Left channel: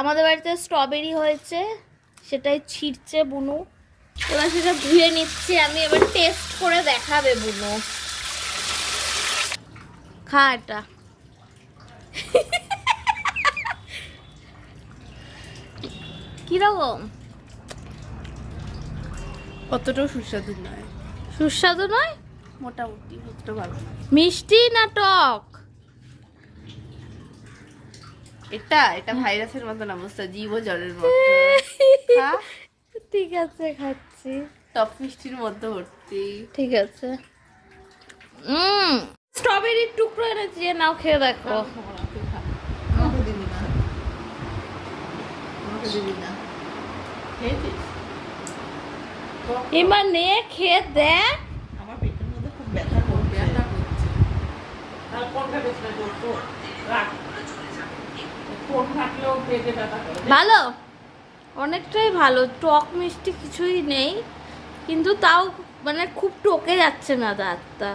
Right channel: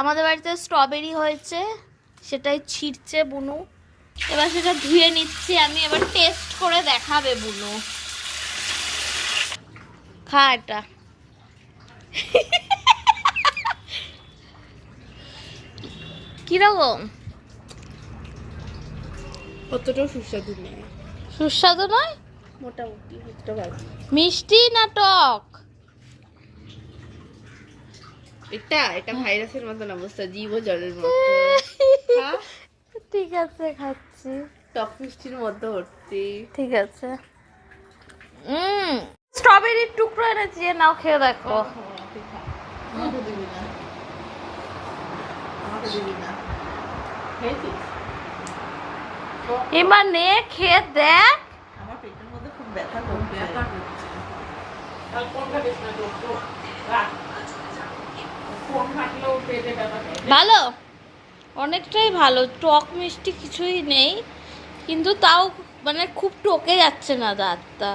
আমাদের বাড়িতে স্ট্রবেরি হয়েছে, সেটাই ছিঁড়ছে বুনু। এবার সেটা ধুয়ে নিচ্ছি আমি, এবার টেস্ট করে দেখাবে বুনু। খা এটা। কিরকম? অতটাও সুস্বাদু নয়। সুস্বাদু নয়, মোটামুটি অতটা ভালো। মিষ্টি না টক? এটা ভাইরাসের মতন অবস্থা, জীব ও জলের মতো। খা। ঠিক আছে, খাচ্ছি। টক মিষ্টির মধ্যে ভর্তি। ঠিক আছে। স্ট্রবেরির টুকরো এনেছি, নাও খেয়ে দেখো। আমাকে দিবি না, আমাকে দিবি না। খেয়েছিস? এবার নে, খেয়ে দেখ। আমার পেটের মধ্যে খুব ব্যথা করছে। ব্যথা করছে। তাহলে কোন খাবিস না তোর তো? রাখ। ফোন ফাটলেও পেটে ব্যথা করে। ভালো, অনেকটাই ভালো। টক মিষ্টি কিছুই নেই, কিন্তু তাও মানে খুব টকে যাচ্ছে না দাঁতটা।